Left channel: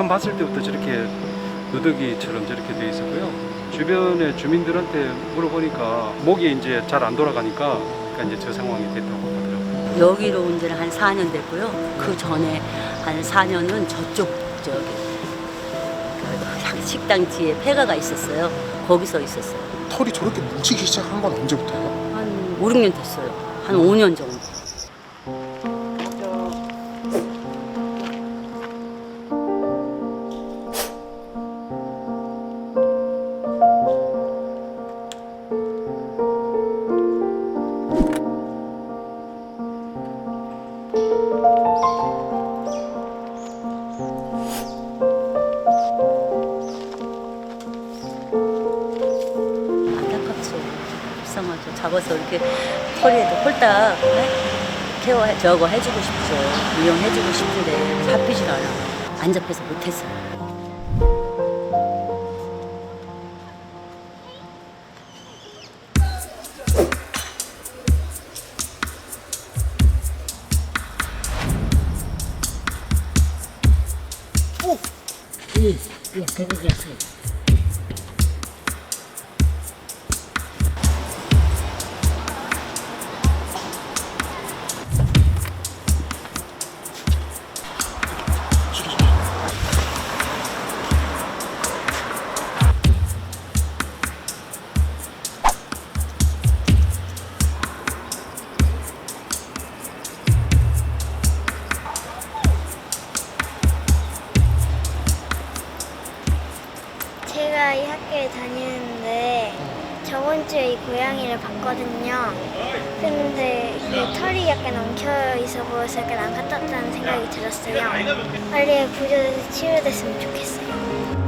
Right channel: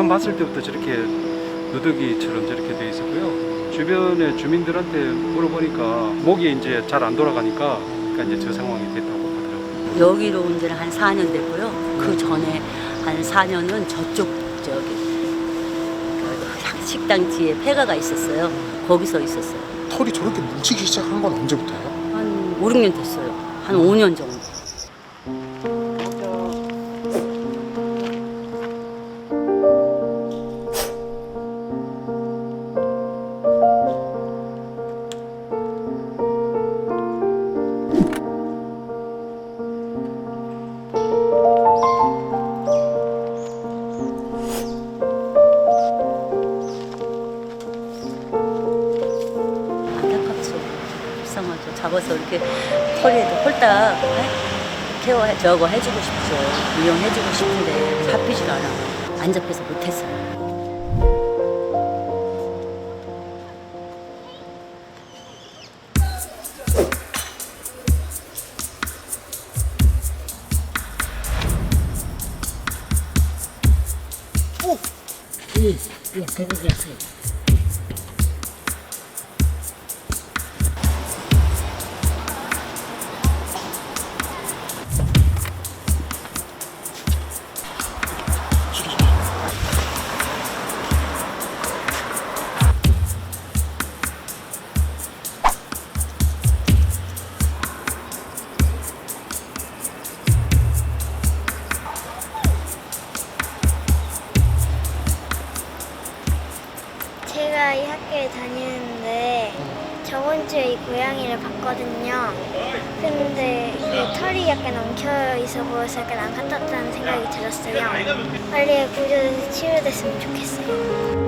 처음 봤을 때부터 저렇게 누더기처럼 저렇게 돼 있었고요. 주변의 주민들한테 물어보니까 목이 이제 잘 안 돌아가니까 그러니까 이제 저 상황이 됐다고 하더라고요. 여기로 온 지는 한 4년 됐고요. 그 전에 한 4년은 저쪽 저기 그 식당 뒤에 폐가가 있었어요. 거기서 있었어요. 털이 저렇게 뭉치기 시작한 건 언제부터요? 한 5, 6년 됐어요. 한 5년 정도. 안타깝죠. 불쌍하죠. 잡아서 이렇게 털에도 홀딱 케어 저거 해주고 싶죠. 미용해주고 싶은데 잡히질 않아. 안 잡혀서 못했어요. 제가 이 학교에 다니는데 저번 주에 이 고양이를 봤거든요. 근데 이 털이 약간 엉켜 있어 보여서 약간 안 같았다는 생각이 들었어요. 빨리 구조돼서 치료됐으면 좋겠어요.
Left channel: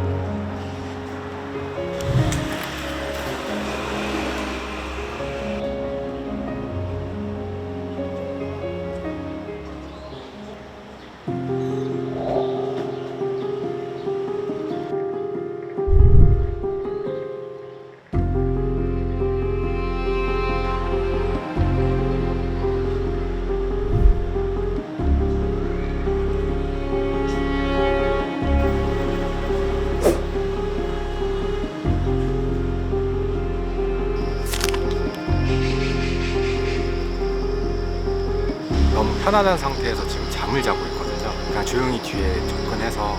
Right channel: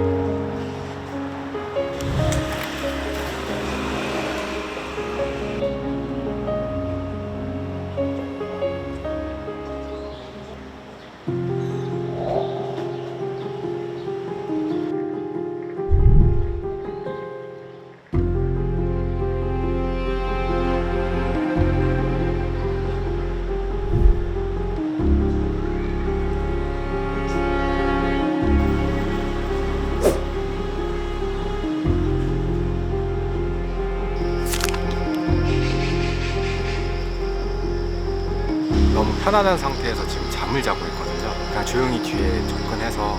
너무 편안한 상태에서 지금 잠을 자고 있거든요. 그냥 조용히 뒤에 접근해서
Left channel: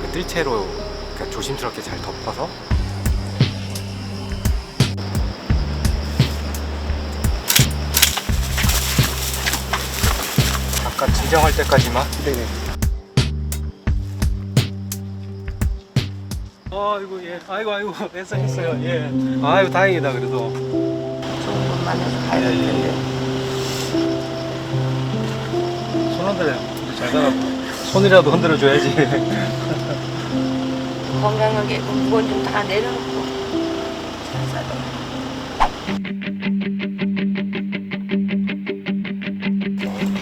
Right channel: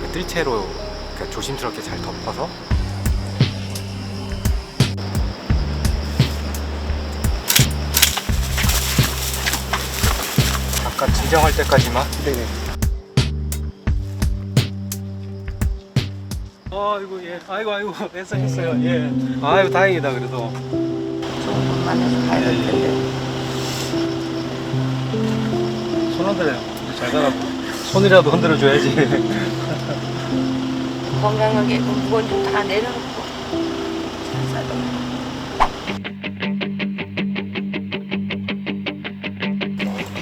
그 뜰채로 그러니까 조심스럽게 잘 덮어서 잠깐 진정할 때까지만. 네네. 아이고 예, 아이고 애써했어요. 예, 아이고 다행이다 그래도. 좋은 분 만나서 가야 될 텐데. 손 흔들어, 잘 가라고. 손이라도 흔들어 줘야지. 건강하게 무거운 좀 다 내려놓고 잘 살아.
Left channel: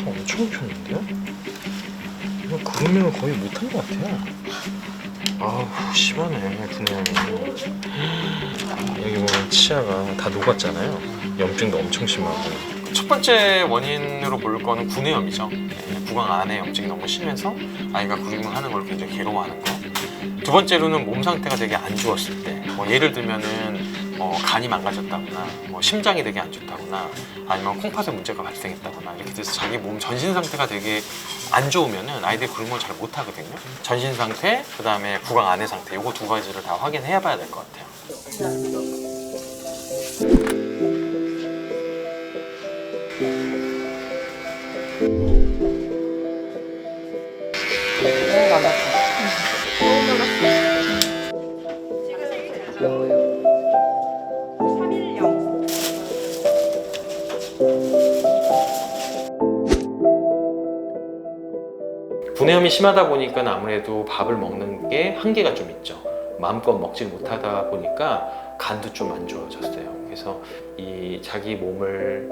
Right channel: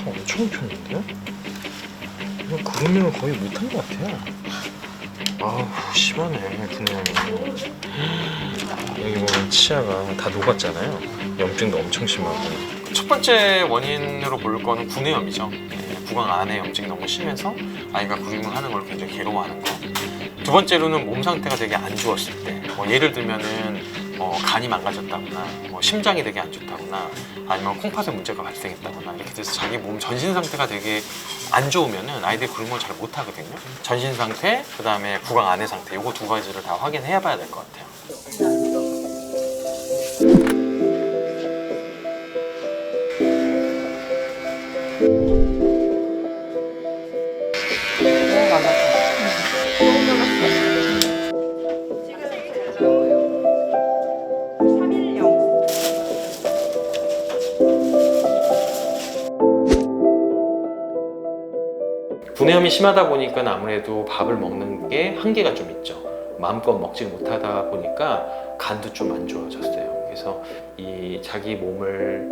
엄청 폈는데요? 이거 그루밍을 거의 못한 것 같아요. 아우 심하네 분해하면. 여기 보면 치아가 다 녹았잖아요. 염증도 엄청 심하고. 첫 번째 원인으로 볼 거는 구내염이죠. 구강 안에 염증이 너무 심해서 아이가 그루밍을 하는 걸 굉장히 괴로워하는 거. 두 번째로는 몸 상태가 되게 안 좋았을 때, 예를 들면은 간이 망가졌다거나, 심장이 되게 안 좋다거나, 아니면 콩팥에 문제가 발생했다거나 이렇게 돼서 자기 몸 전신 상태가 되게 안 좋으면은 아이들이 그루밍을 잘 못하거든요. 전신 상태, 그 다음에 구강 안의 상태, 요거 두 가지를 다 확인해봐야 될 것 같아요. 분해염이 심하다 보니까 아무래도 밥을 먹는 게 한계가 좀 있죠. 마음껏 먹지 못하다 보니까 간도 좀 안 좋아졌어요. 그래서 이 자기 몸을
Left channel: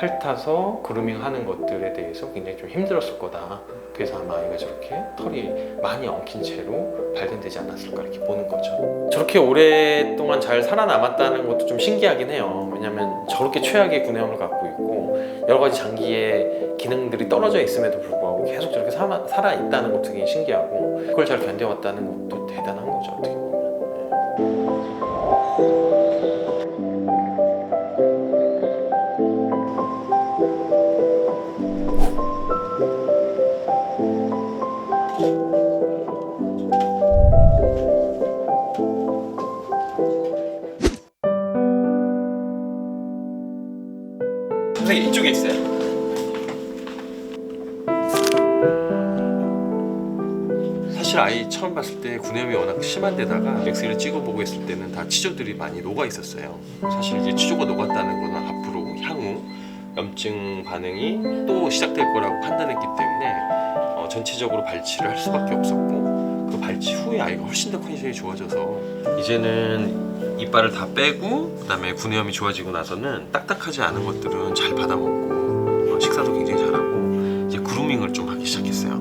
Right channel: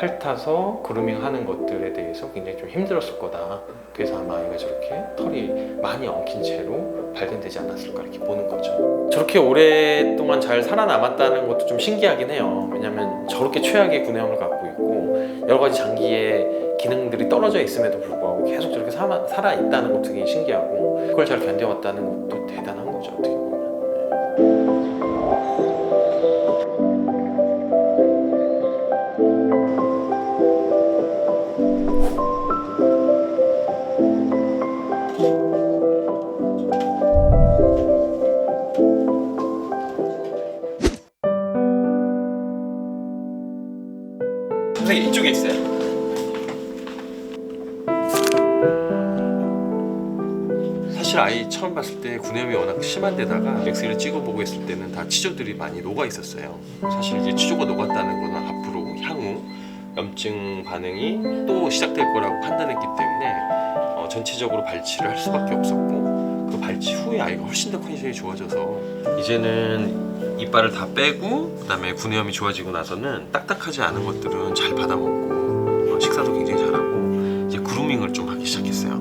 핥아서 그루밍 하는 것들에 대해서 굉장히 좀 힘들었을 거다. 그래서 아마 아이가 저렇게 털이 많이 엉킨 채로 발견되지 않았을까 이렇게 보는 거죠. 저렇게 오랫동안 잘 살아남았다는 것도 좀 신기하긴 해요. 왜냐하면 저렇게 최악의 구내염을 갖고 있고 여러 가지 장기의 기능들이 떨어져 있음에도 불구하고 계속 저렇게 살아있다는 것도 되게 신기하고 그걸 잘 견뎌왔다는 것도 대단한 거죠. 어떻게 보면. 선생님 이쪽에 있어요. 사실 아이 처음 봤을 때 구내염이 워낙 심한 데다가 엑스레이를 찍어보고 했을 때는 다 치조들이 많이 녹아 있었어요. 사실 이제 치조가 녹았다는 거는 앞으로 향후 염증 반응이 또 시작될 거라고 판단했기 때문에 전체적으로 발치를 할 수밖에 없었고 그 발치 후에 아이가 훨씬 더 컨디션이 좋아져서 이제는 이빨을 다 빼고 그다음에 구내염이 좋아지고 나서는 딱딱하지 않은 것들은 잘 받아먹고 식사도 굉장히 잘하고 이제 그루밍을 좀 하기 시작했어요.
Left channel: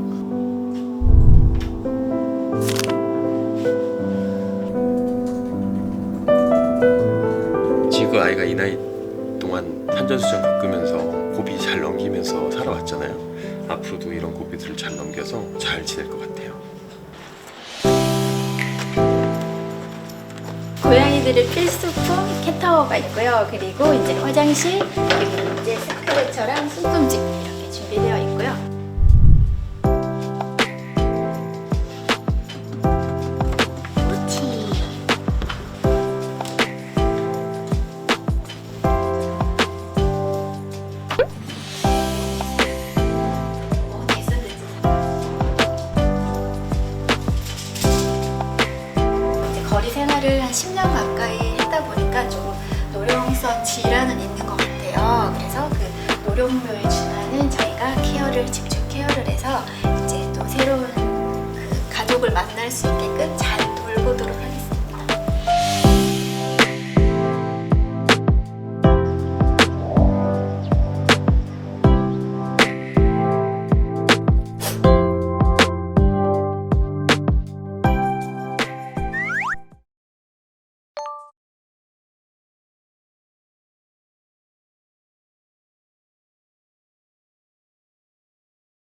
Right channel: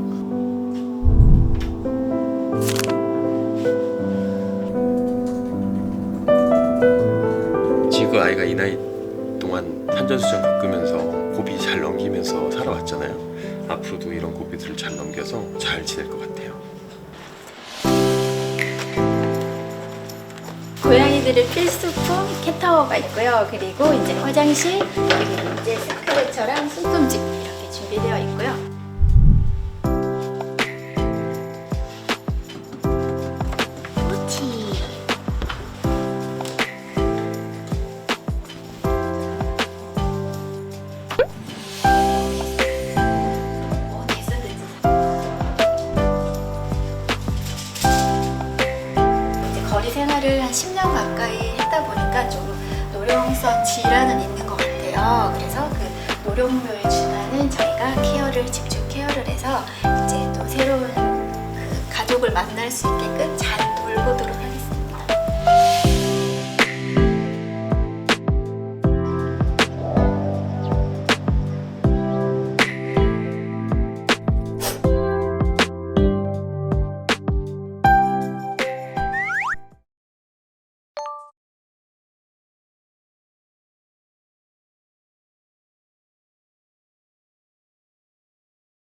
지금 그 아이가 이 나이 동안 산전수전 겪으면서 고비 잘 넘기면서 살아왔잖아요. 앞으로도 이런 고비들을 잘 넘겨서 잘 지낼 것 같아요. 고양이들의 필수품 캣타워가 있고요. 그리고 이제 화장실, 그리고 이제 스크래처랑 숨숨집 이렇게 준비되어 있고요. 꼬치. 됐어. 이제 거리 생활을 한 10년 가까이 했다 보니까 조금 노령성 질환은 있는 것 같아요. 그래서 그 노령묘에 준하는 저희가 집중 케어를 해서 이제 또 새로운 그 가족을 만날 수 있게끔 잘 돌보도록 하겠습니다.